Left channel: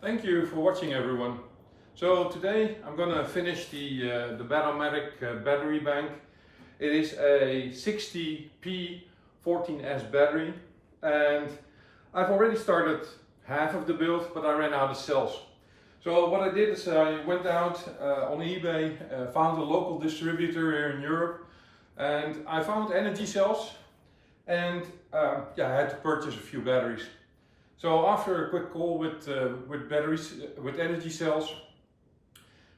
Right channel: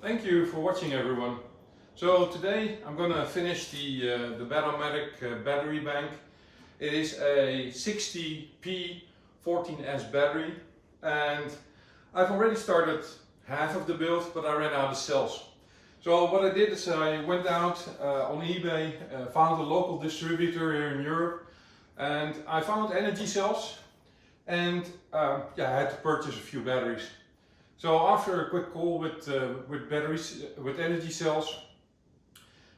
Thank you for watching, everyone. So today I'm gonna finish the batt-o-matic battery bank. It is a 60P14S battery, and I've already started half of the build, but I ran out of cells. So what I did is I went out on eBay, found a local distributor here in Europe, and I found energy cells, and I had to purchase a few batteries. So after a quick call with batteries, with energy cells,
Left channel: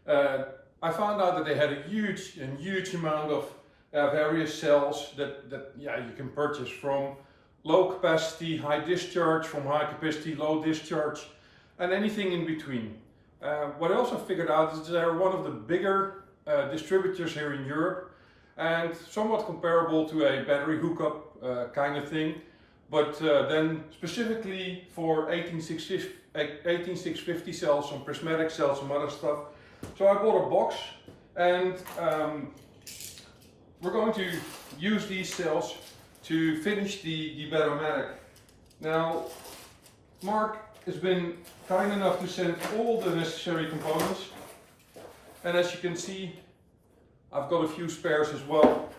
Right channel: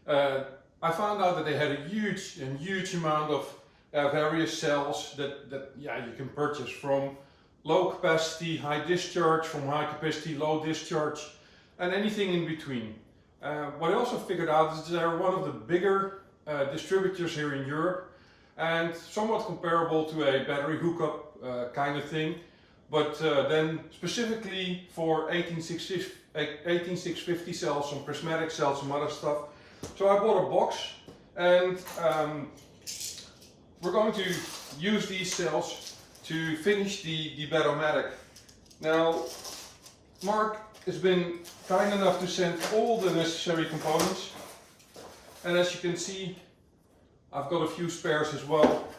I found out that they had a huge amount of various cells that you can purchase, from low capacity, high discharge, from high capacity, low discharge, and anything in between. What I also figured out is they're one of the bigger distributors here in Europe, and somewhat comparable to a battery hookup kind of thing. But then specifically for 18650 cells, some prismatic cells, some other stuff. So I bought a box, and we're going to use these cells to finish the batt-o-matic. Now, Mark has been kind enough to send all the necessary components, and as you can see, I've got a few spares as well.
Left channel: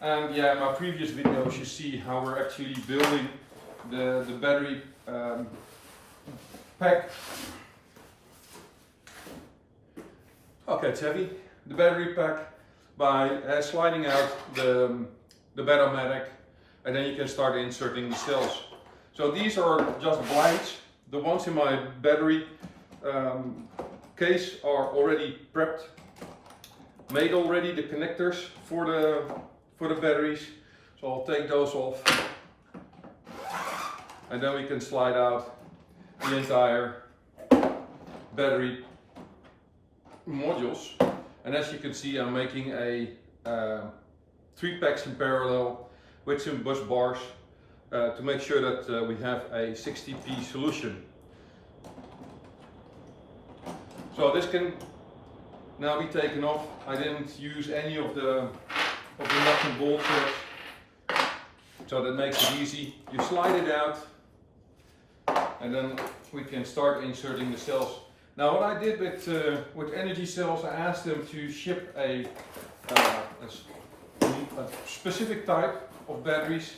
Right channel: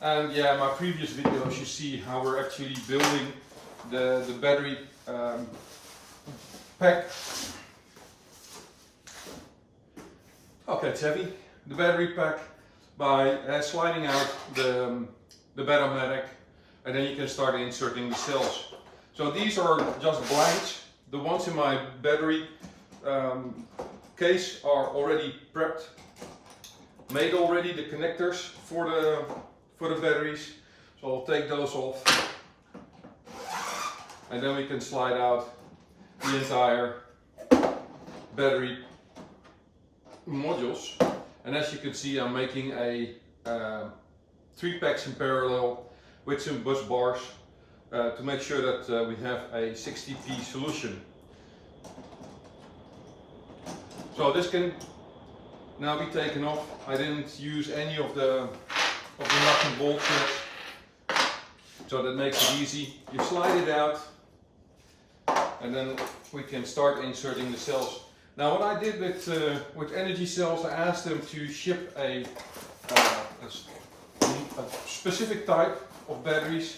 And yeah, in my previous videos you see how we're actually building the battery pack. Okay, it's heavy. The battery pack by sliding out the batt-o-matic, and then you can start inserting the cells. So these are just blanks. The ones in my battery case are already prepped, made already, the connectors for the batteries. So I'll take those off, and then we can slide out the entire battery modules. And as you can see, I'm making a 3 packs in parallel with some bus bars to make sure that we have a 60P solution. So this can now be taken off. I didn't use any of the nut and bolt tips, so that makes it easy. You slide it out, and then we can start inserting the cells. Now, what I did with energy cells, I asked them to ship a specific type of batteries,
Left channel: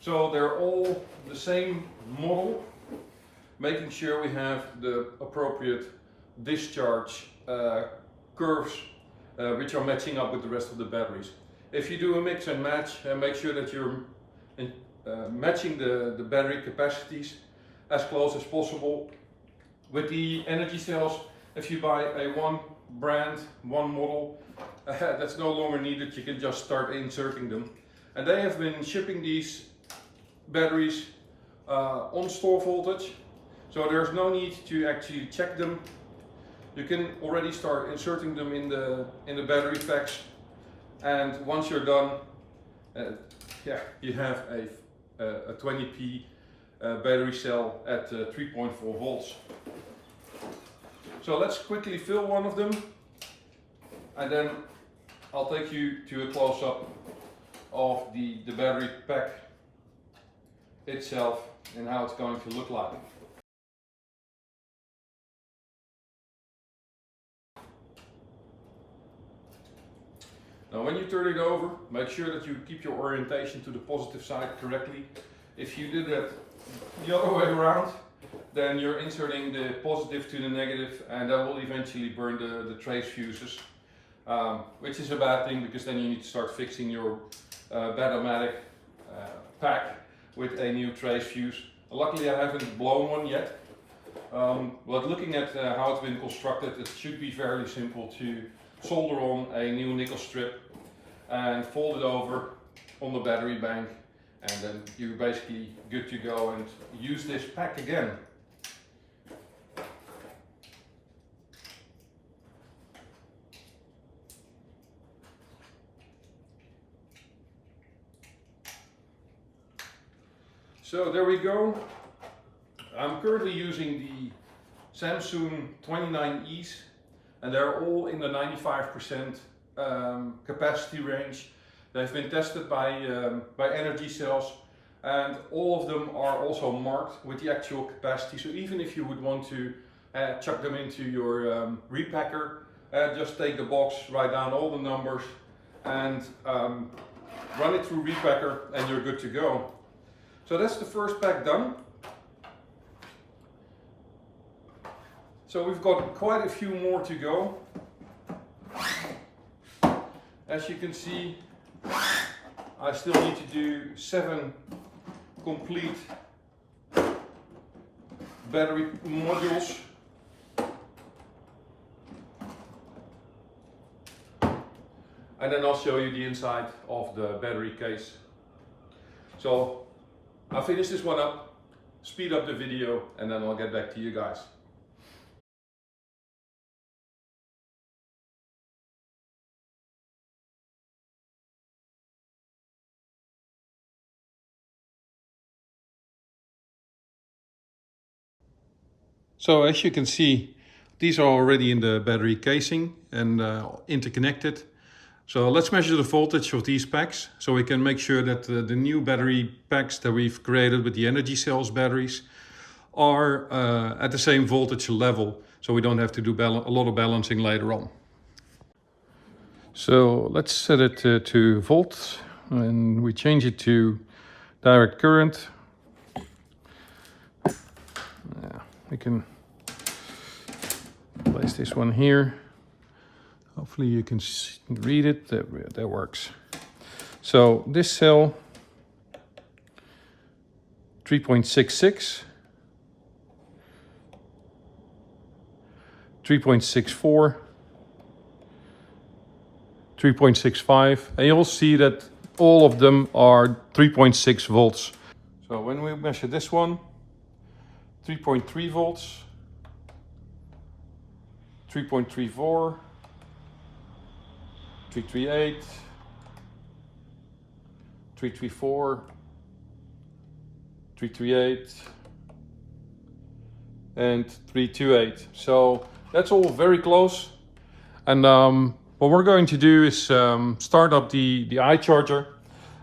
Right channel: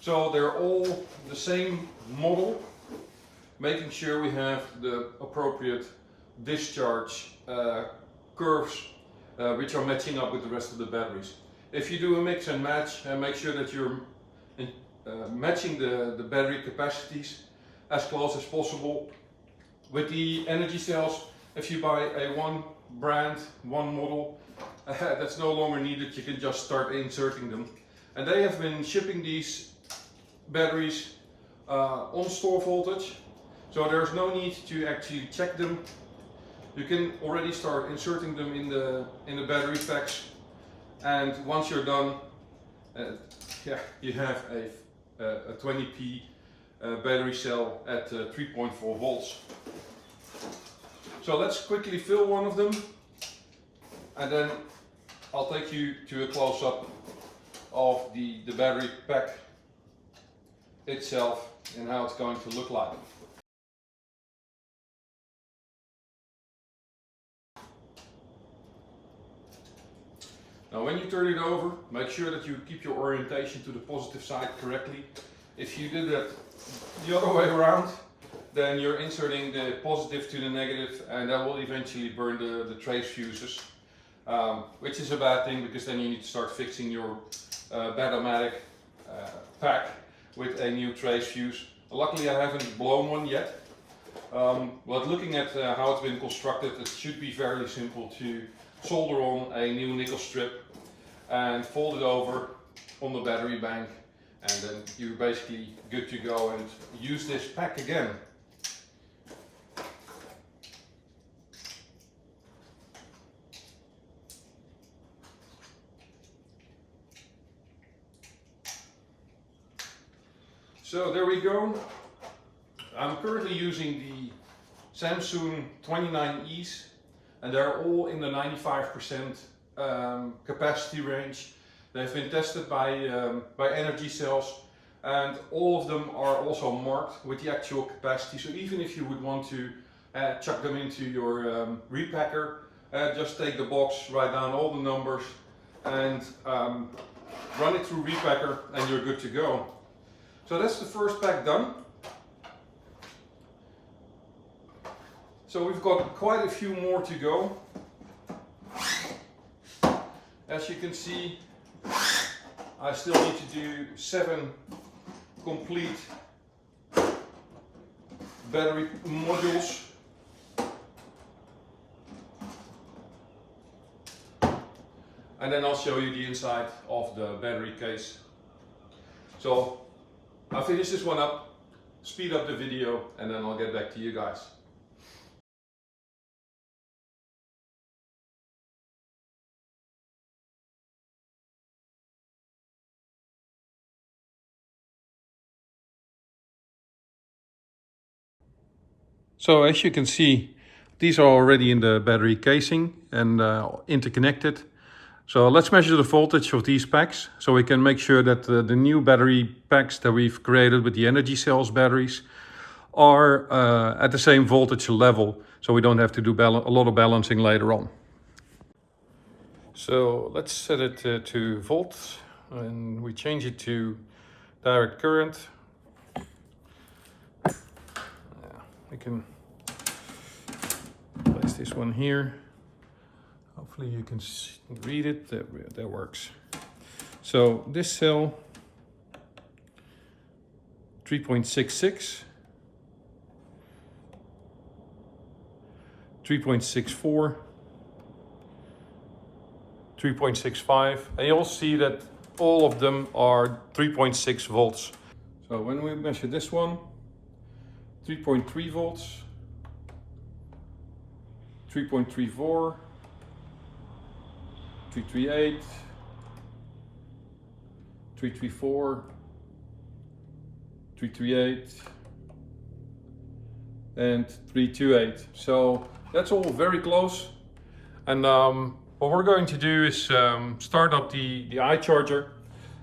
so they're all the same model, making sure we have the appropriate discharge curves which are matching up with the rest of the batteries. If you do a mix and match, make sure that you're matching the battery capacities as close as possible. With the energy cells, if you buy a one brand, one model, that's no longer needed. You can just start inserting them. And they have been shipping these batteries on store voltage, so there's no need to actually check them. You can already start inserting them in the battery packs, and once you're done, you have a 20P battery cell at 3.4 volts. So let's quickly fill one of them, and then I'll take you to a close-up of the battery pack itself and how it's going to look like. Now, when you turn it over, make sure that you keep your orientation to the positive side correctly. If you do that the other way around, then you're inserting the positive to the negative, and that will eventually burn the trace fuses, which is a bad thing, because then you need to start fixing your batt-o-matic pack with a new trace fuse. Luckily, I haven't blown one yet, but looking at how it's been constructed, it should be fairly simple to solder on a new nickel strip and fold it over on the battery bank, and then you're basically good to go and use this pack again. So there we go. I'm currently using the Samsung 29Es, and they're all in the 95% capacity range. They've been tested by energy cells, and all of them are also marked with the actual capacity. So even if you would want to chuck them into your repacker. Just take the box, write down all the numbers, and run it through repacker, and you're good to go. So that's the first pack done. So we've got quite a few more to go. As you can see, I still need to do 7 complete battery modules. And then I'll show you the inside of the battery case. So I'll finish this one up, speed up the video, and then I'll get back to you guys. So as you can see, these are already in the battery casing and interconnected. So let's measure the voltage of these packs so we can make sure that the new battery packs that we've created with the energy cells batteries are at the same voltage level, so we don't have to do a lot of balancing later on. So let's set it to volts, and we change it to direct current. We can place this one here. Hopefully you can read it. That works. So this cell, 3.66, 3.64, 3.65, and you'll see that all of them are 3.6 volts. So when we measure this one, 3.3 volts, 3.34, 338, 334, 338, and 328. So that's all very close. And what we're going to do is start up the eye charger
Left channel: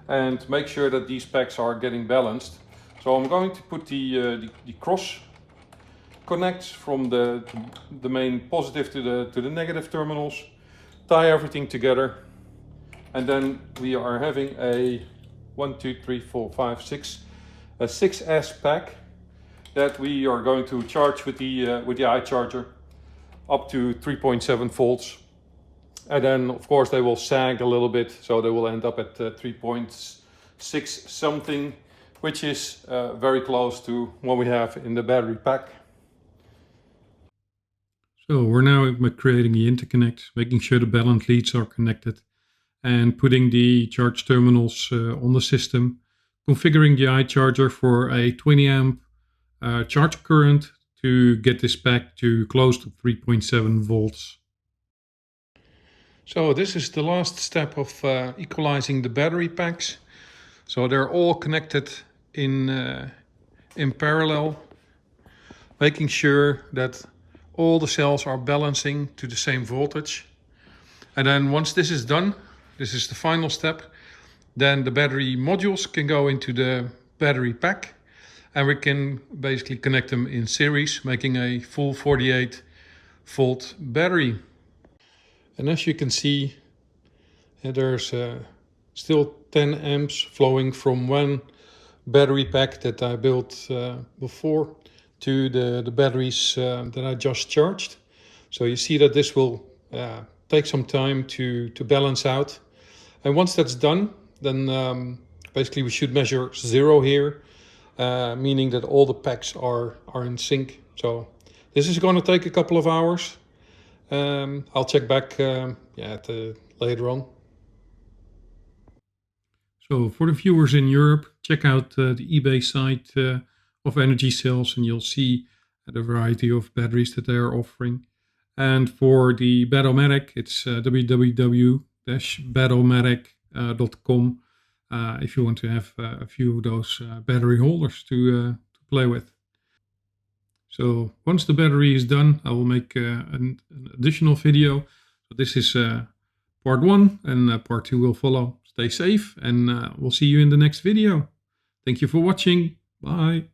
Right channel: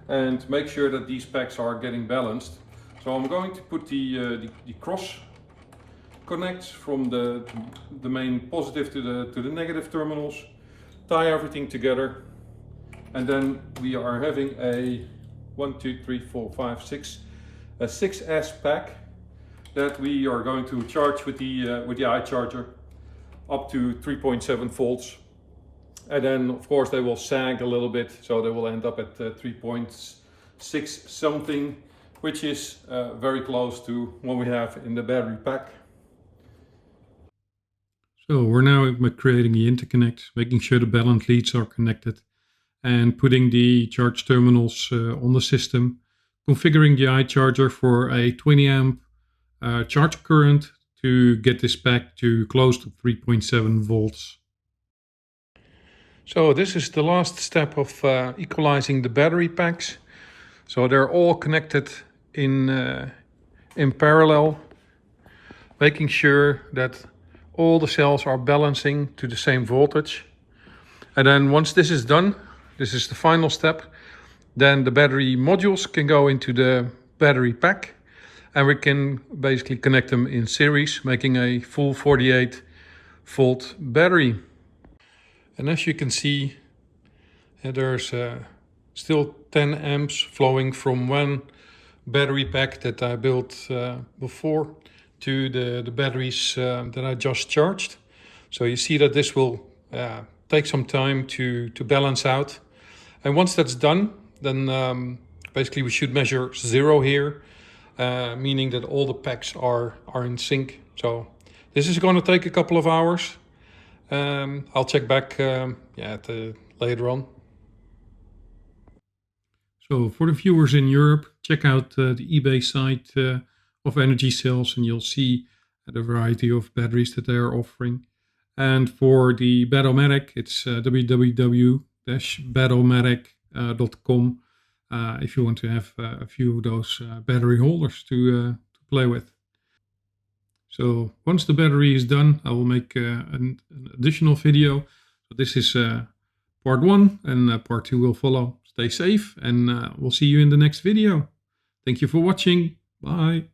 and make sure that these packs are getting balanced. So I'm going to put the cross connects from the main positive to the negative terminals, tie everything together, and then we are having a 6S pack that we are going to charge with the eye charger up to 3.7 volts, and then of course they will sag a little bit, so they will end up at 3.6 something, which is very close to what we have in the battery pack. So we're now creating the interconnect, making sure the balance leads are connected, and putting the charge terminals on the system, configuring the eye charger for a 20 amp charge current to get this pack to close to 3.7 volts. So this is the last step of equalizing the battery packs. So they're all connected in parallel, making sure that all the cells are balancing to the same voltage. And then once this is done, this is the final step, then the battery modules can go into the battery pack, and we can basically connect them in series, making a full 48 volt battery. And as you can see, there's still 10 amps flowing from one battery pack that I built before to the batteries that I just charged. So you see that this will take some time to balance out. And once that's done, then basically we should measure 0 here, meaning that all the packs are in sync. So this is going to take a couple of hours. I'll check back later on. So for the viewers in Europe, check out the eBay site of Energy Cells, and you'll see the variety of batteries that they are offering. And for the batt-o-matic, it's www.batt-o-matic.com if you want to have a few of those battery holders to play with. So once the battery is done, I will make an additional video. So this is part 1, and part 2 will follow. Stay safe, and we'll see you in the next video. Thank you for watching. Bye.